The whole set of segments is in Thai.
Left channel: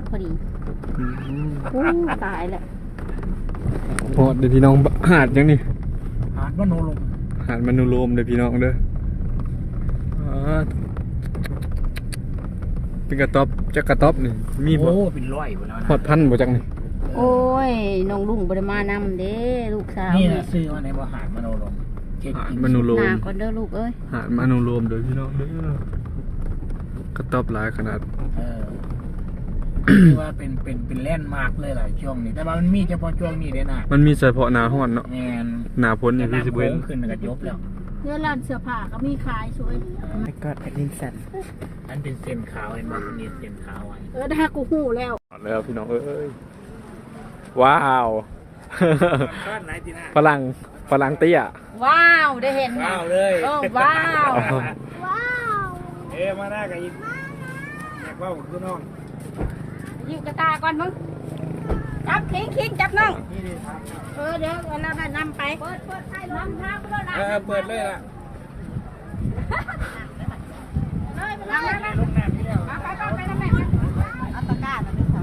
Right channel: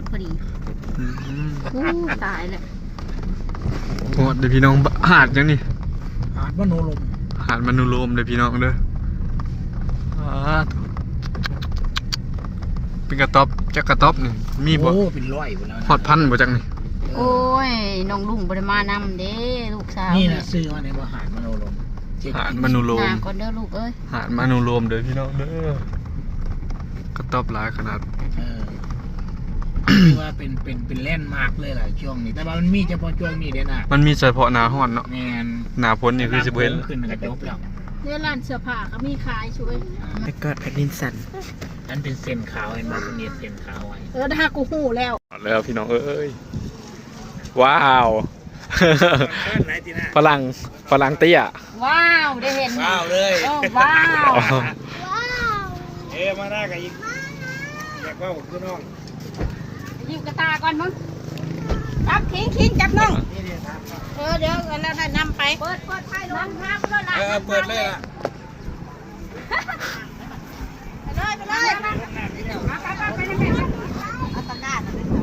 ดพอดีอืมอู้ตายแล้วโหดเดี๋ยวพี่น้องหาดจังนี่หาดมโนลมหาดมนุโลมเดี๋ยวพี่น้องเด้ออ่าเป็นกระต๊อบจักกระต๊อบนี่มีบ่โอ้เป็นร้อยหมดแล้วนะฮอดพันบ่จักนี่โอ้ยน้องลุงบริมานำเด้ลูกสาวนี่นะซื้อมาในว่าหาดมโนลมเช็คหาดอินมนุโลหน้ามก่อนเด้อลูกเอ้ยหาดมนุโลมเด้อพี่น้องเด้อกระต๊อบหลายขนาด เออคือว่าเป็นเป็นเป็นแลนด์มาร์กเลยแหละช่วงนี้ แต่ว่ามันมีเฉพาะช่วงนี้เด้นะมันมีเฉพาะหน้าร้อนเนาะแมนหน้าฝนนี่คือสิบ่เห็นขึ้นกระจบแล้วเนี่ยร้านเสื้อผ้าก็มีขายช่วยไปกอดแผ่นดินสั่นนั่นเป็นเส้นขาวเห็นไหมมันมีเส้นขาวไว้เออถ้ากูหูแล้วแล้วพี่น้องเอ้ยว้าวไหนที่หน้าฝรั่งฝรั่งเตี้ยว้าวได้เห็นว้าวเลยโอ้ว้าวอ๋อเอ้มาได้กับอีกอยากว่าผมตัวน้อง อยู่กระตาก่อนมึงจับทิ้งทิ้งจับน้องนี่นี่ครับเออเดี๋ยวเราได้นำไป เปิดเปิดไฟลงน้ำก็ได้เออเปิดเลยล่ะไปเลยไปเลยลงน้ำนี่แล้วไปไปไปไปไปเอาตะกร้ามาด้วยค่ะ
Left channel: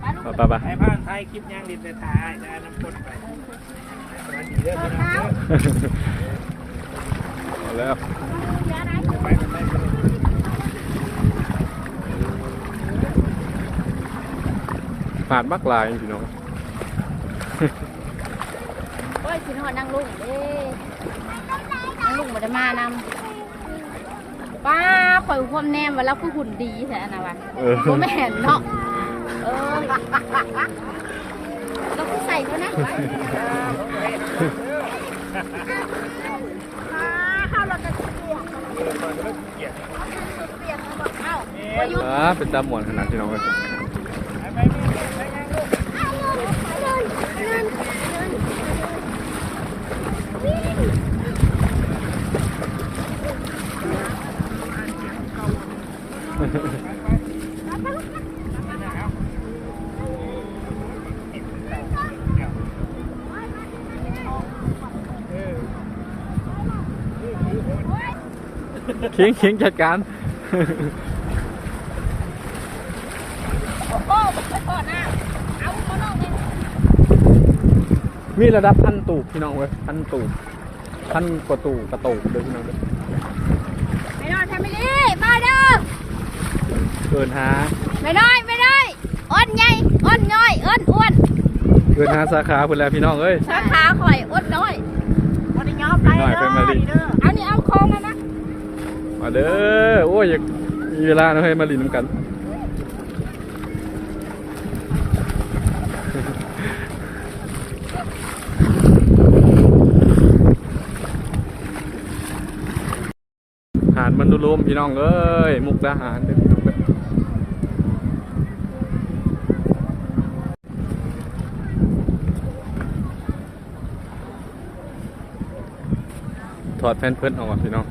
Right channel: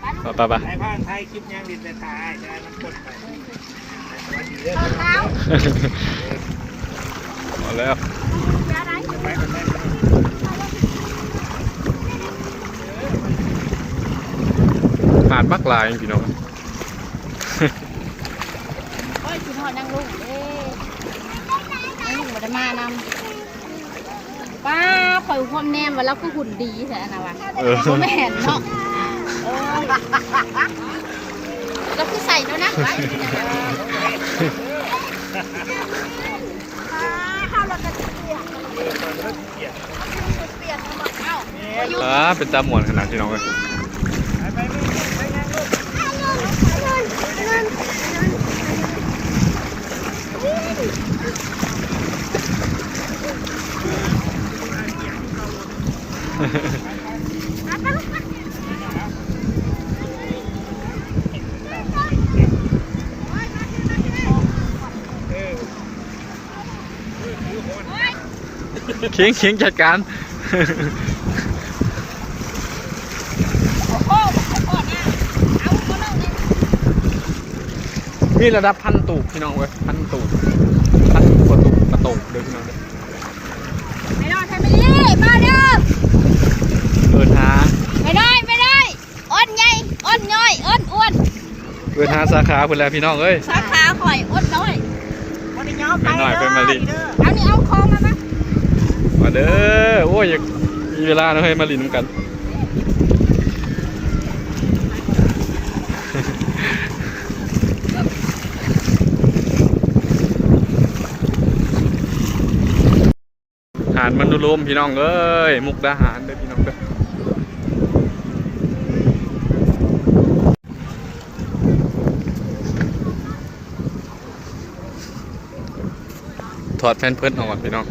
ไปไปไปไอ้ผ่านไทยคลิปย่างดินแต่ทายได้น้ำกดไปสวัสดีเด้อแล้วเอาแล้ว ไปกันไปกัน หาดมักลายพี่น้องโอ้ยสินหอดนั่งลุงเด้นั่งลุงมาได้มานำป้าข่อยความแนมว่าเราคือหุ่นดีแท้นะวะเออผมไม่เห็นเนาะเออแล้วคือใส่แล้วนะเอ้าว่าอยู่อ่าเป็นตาหมวนขนาดพี่น้องเลย เคียงเคียงจัดการโอ้โหขอหน้าเอาเขาเล่าเลยมีระดับพันตูบพี่น้องเว้ยพันตูบพันกว่าตูบกระตูบเด้อพี่น้องเด้อไม่ได้แฟมิลี่มาเด้อเอินหาไม่ได้ไม่ได้อ้นใหญ่อ้นย่อยอ้นอ้วนเอินหาสาขาเพิ่นแล้วพี่น้องเอ้ยสาขาข่อยอ้นน้อยไปหน่อยไปมาลิเอานี่เอาโค้งมาไหม มาเด้อ โอ้ยมีเวลาเนาะให้มาลินน้ำกัน หารมันดูลมพี่น้องเอ้ย มุกดาหารเด้อพี่น้องเด้อถอดแฟนเพิ่นออกก่อนพี่น้อง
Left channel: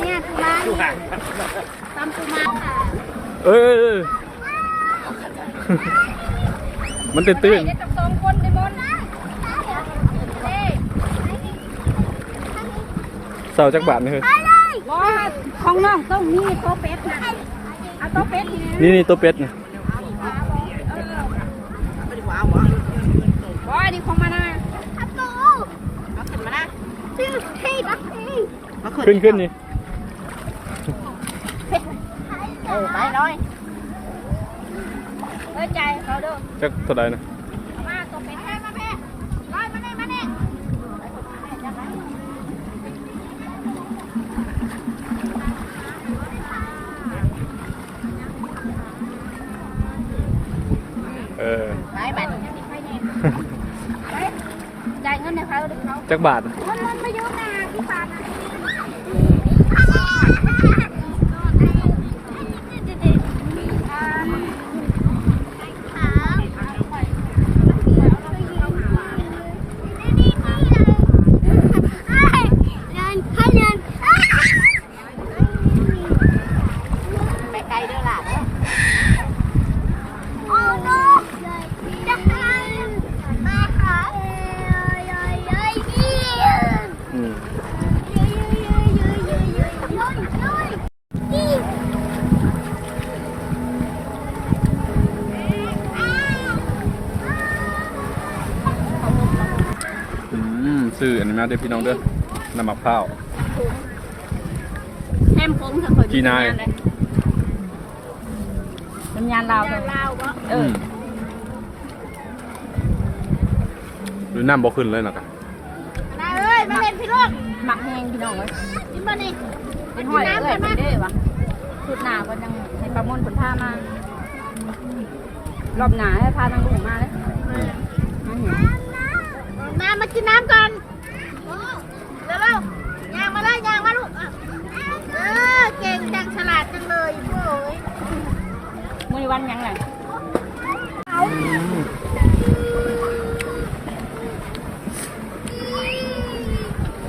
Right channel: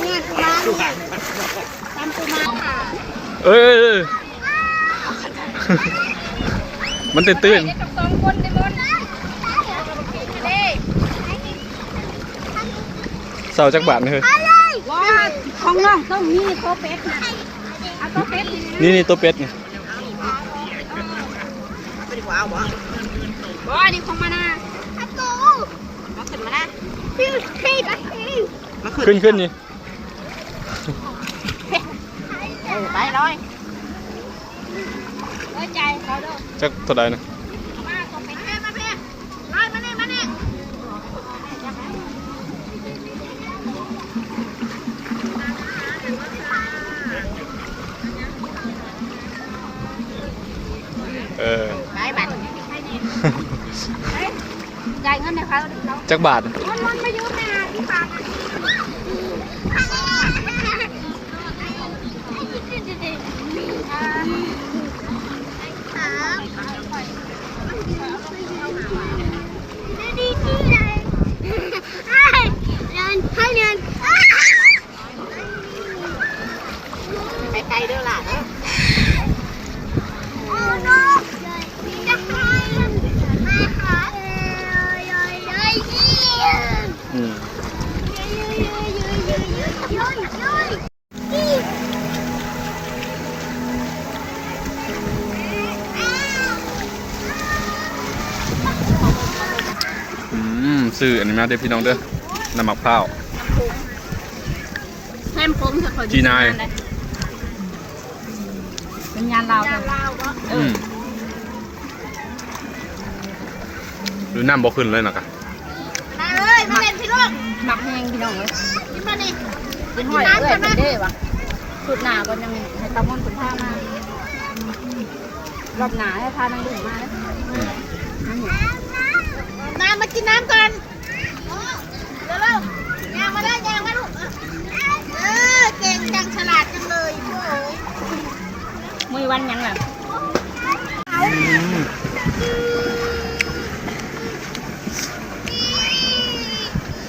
เนี่ยกูมาตามกูมาค่ะ เอ้ยเอ้ยเอ้ยมันตื่นตื่นเด็กกับสองคนได้หมดเด้เสาจักบาทนี่เฮ้ยว่าของน้องต้องมีโต๊ะเป็ดนะเอาโต๊ะเป็ดดีนี่นี่ตัวเป็ดนี่ว่าดีของมานะเอาตู้เอาขึ้นมานะพี่พี่พี่ขึ้นขึ้นนี่ เออไปเลยเอ้ย ใจเขาเด้อจักเท่าใดนะมาตรงไปให้มาแม่มามาเนี่ยมาเนี่ยเออไปไปจ่ายเงินให้เขาดิเขาจักบาทมันมันไม่ยุ่งนะที่ฝากไอืมซื้ออันนี้มาเด้พี่น้องเด้อน้ำมักพร้าวแฮมพงเธอคอยจีนายเป็นยานเราเลยเออหรือน้ำบ่ขึ้นเลยนะกะ หมักแห้งพี่น้องเลยกินมานี่กินหอยเอ้ยเป็นเด้วะสุดหนาก็ยังให้ตะมนผลผ้ามารอบหนาให้พามันดุมาเลย อืม น้ำเหนียวน้ำมากินน้ำก่อนเร็วๆยางมาได้ยางมาลูกอะเออเก่งจังฉลาดจังเลยโอ้ยมือวันยังไง อืม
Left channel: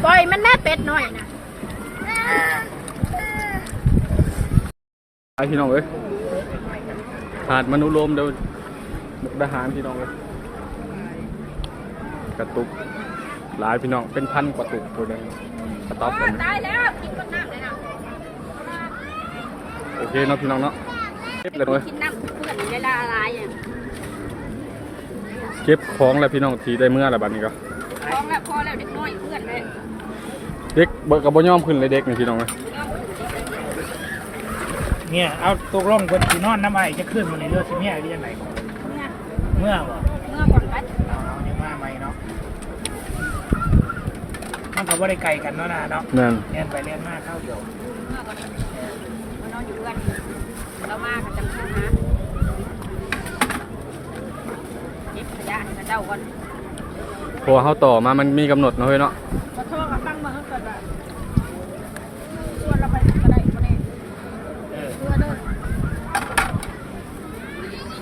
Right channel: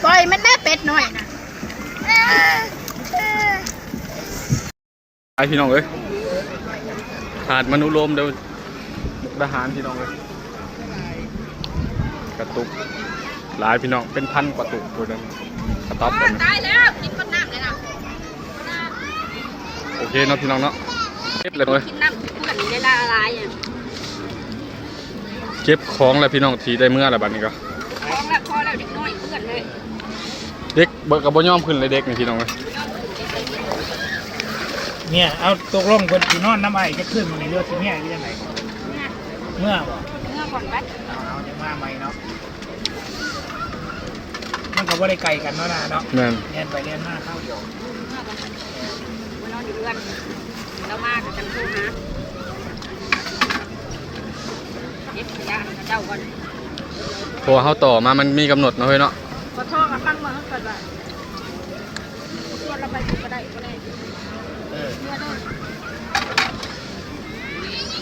ปล่อยมันแม่ เป็ดหน่อยนะไปพี่น้องเอ้ยหาดมนุโลมเดี๋ยวมุกดาหารพี่น้องเอ้ยกระตุกหลายพี่น้องเป็นพันกว่าตุกตัวนึงกระต๊อบแบบนี้ตายแล้วกินก้นน้ำเลยนะโอเคเนาะพี่น้องเนาะเก็บเลยเว้ยกินน้ำเพื่อนได้ละลายอะเก็บของแล้วพี่น้องทีได้เมื่อแล้วบัดนี้ก็ท้องแล้วพอแล้วเด็กน้อยเพื่อน เลยเด็กเบิกกับบ่ยอมขึ้นเลยเด็กนี่พี่น้องเอ้ยเนี่ยเอาตกลงเพิ่นสินอนน้ำไอ้จะขึ้นมาในเรือสิเนี่ยที่จังไหนก่อนเมื่อบ่เมื่อก่อนกันเอาเอาเดี๋ยวมาใหม่เนาะมันก็บ่ได้ไกลกันเนาะนะเนาะแม่นเรียนไปเรียนมาเข้าเดียวเมื่อก่อนมานอนอยู่เรือนแล้วมากับจังโทรหาเย็บขยะให้กับเจ้าก่อนเพราะว่าเฮาต่อมามันมีกำหนดเนาะเฮ้ยเนาะ ขอโทษกับมันมาก่อนว่าชวนเราไปก็ได้ก็ได้เออเมื่อเด้อ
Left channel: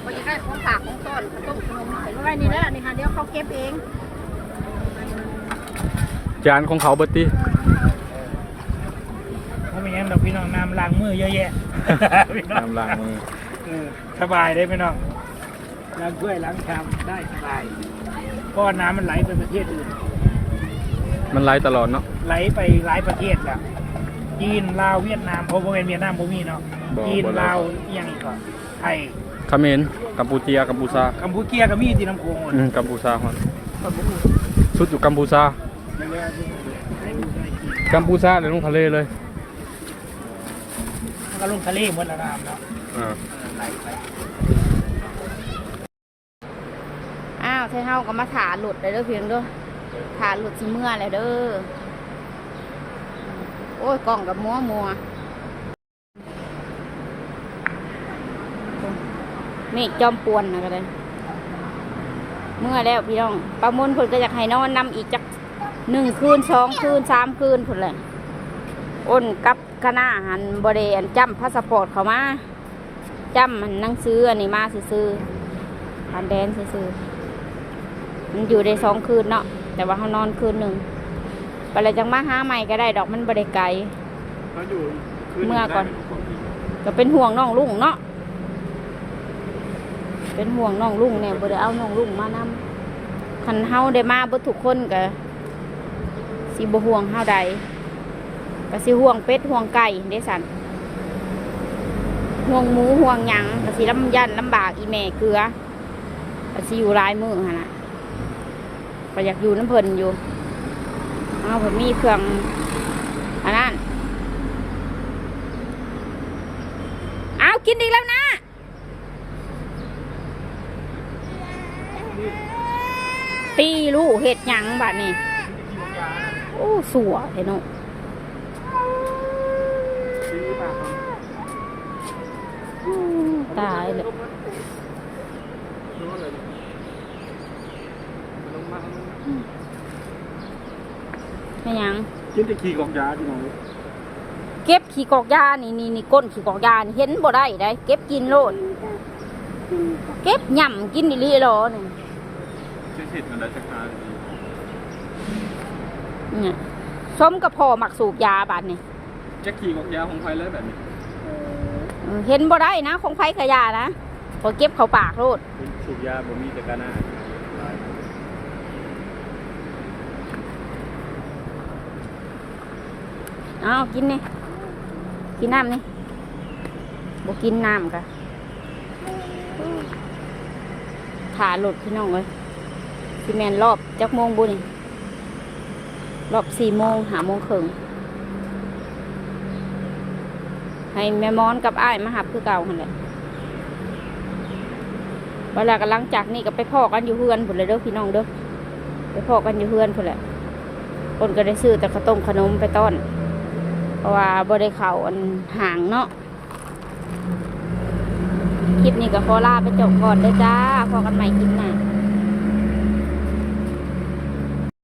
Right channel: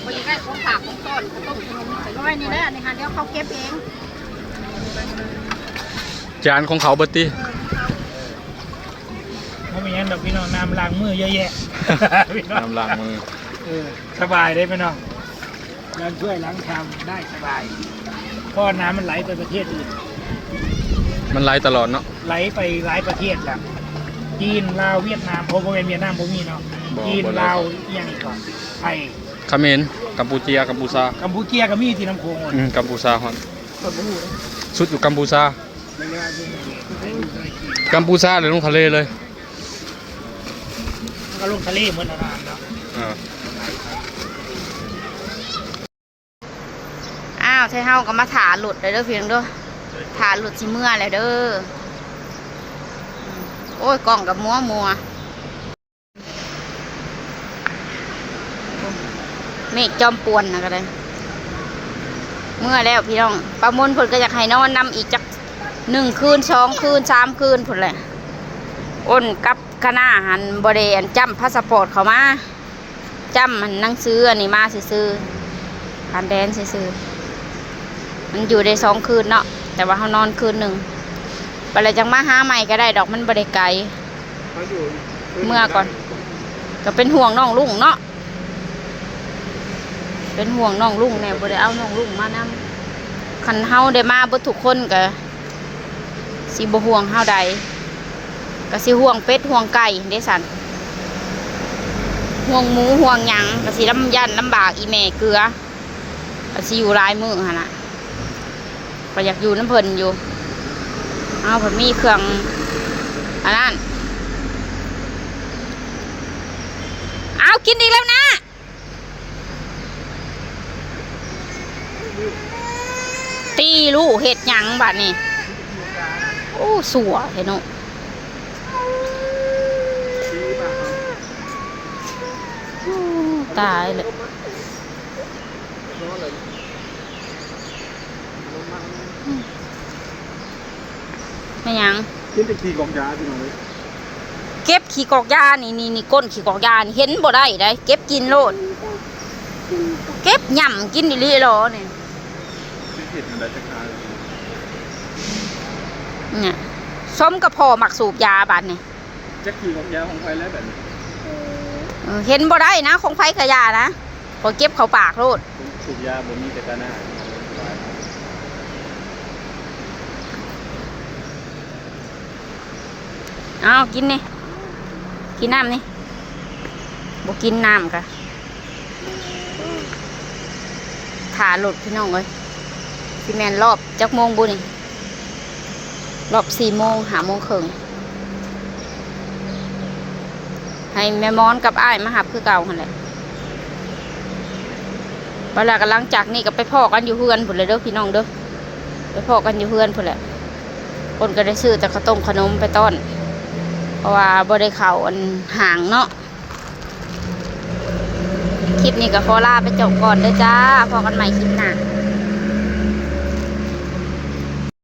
พอจะได้ของฝากของต้อนข้าวต้มขนมใส่ร้อยนี่แหละนี่ฮะเดี๋ยวเขาเก็บเองจานของเขาเบิดติไม่เป็นหยังดอกพี่น้องน้ำล้างมือเยอะแยะ พี่น้องน้ำล้างมือเออสบายได้พี่น้องล้างถ้วยล้างชามได้สบายเพราะน้ำมันไหลไปประเทศอื่น มันไหลตลอดเนาะไหลไปหลายประเทศแล้วจีนลาวเวียดนามเพราะว่าเป็นเวียดนามผมมีเนาะบ่จีนบ่ไหลาวอีกอย่างอีกก่อนไทยเขมรกัมพูเชียกัมพูชากัมพูเชียก็มีที่น้ำโขงหมดอืมกัมพูชาฮอดคนบ่รู้สุดอยู่กัมพูชาไม่เลยว่าเพิ่งได้ดูได้กินกัมพูชาเลยลงทะเลเลยมันก็ลงทะเลหมดแล้วน้ำเนาะอ่าไหลไปอ้าวใช่เฮาก็มาถาหลุดเลยเด้อเพียงเด้อ ถาหลุดสิเมื่อแล้วเด้อ โอ้ยกล่องกับมัวมัวเมฆจอมปวนนะก็เลยเมื่อแล้วพี่น้อง ประมวลผลก็อยากให้นอนนำอีกจักหนึ่งคืนสองคืนสามคืนผลเลยอ้นกับคณะหันบริเวณจำพาสปอร์ตเขามาจำมันนั่งซื้ออันนี้มาซื้อผ่านแดนซื้อมันอยู่ได้สองคืนเนาะ แต่ว่าเขานอนคืนหนึ่งไปเลยจังมาหาใหม่ก็ได้ดอกมันบริไกลเมื่อก่อน ก็เป็นห่วงน้องลุงเนาะเป็นห่วงน้องลุงเนี่ยบ่ได้เอาน้องลุงมานำคันเฮาได้มาเบ่ทุกคนก็สิบ่ห่วงเฮาใดก็สิห่วงเป็ดห่วงไก่เด้สันห่วงหมูห่วงหยังก็สิลำยันลำบากอีแม่เกลือก็สิอยู่หลายมื้อหั่นน่ะ ก็อยากอยู่น้ำเพลินอยู่ เอาเพิ่นมีเครื่องอันนั้นเอากินอีกแล้วนะ ตีลูกเห็ดหยังบัดนี้โอ้สัวเห็นเนาะตายเลย ไม่หยัง กินแต่ขี้กอกยาพี่น้องเอ้ยเก็บขี้กอกยานี่นี่นี่ก้นขี้กอกยานี่เห็นบ่ได้ได้เก็บกินโลด เก็บย่ำกินดิลีหรอเนี่ยผิดมันได้ช้าเนี่ยส้มกับพ่อมักสูบยาบาดนี่จะขี้กอกยาของใครแล้วแบบนี้เออเห็นบ่ได้นะ ของไผกะยานะพอเก็บเข้าปากโลดสูบยาบ่มีแต่กาหน้า เอากินนี่ กินน้ำนี่บกินน้ำกะถ่าหลุดพี่น้องเลยพี่แมนรอบจักโมงบุนี่รอบสี่โมงหาโมงครึ่งให้แม่มอนกับอ้ายมาหับคือเก่าหันแหละเวลากันหลังจากนี้ก็ไปพ่อกันอยู่เฮือนพุ่นเลยเด้อพี่น้องเด้อไปพ่อกันอยู่เฮือนพุ่นแหละคนก็ได้ซื้อแต่ข้าวต้มขนมไปต้อน เพราะว่าบริเขาอันห่างเนาะคลิปนี้ก็ขอลาไปจบก่อนเด้อจ้าพอกันใหม่คลิปหน้า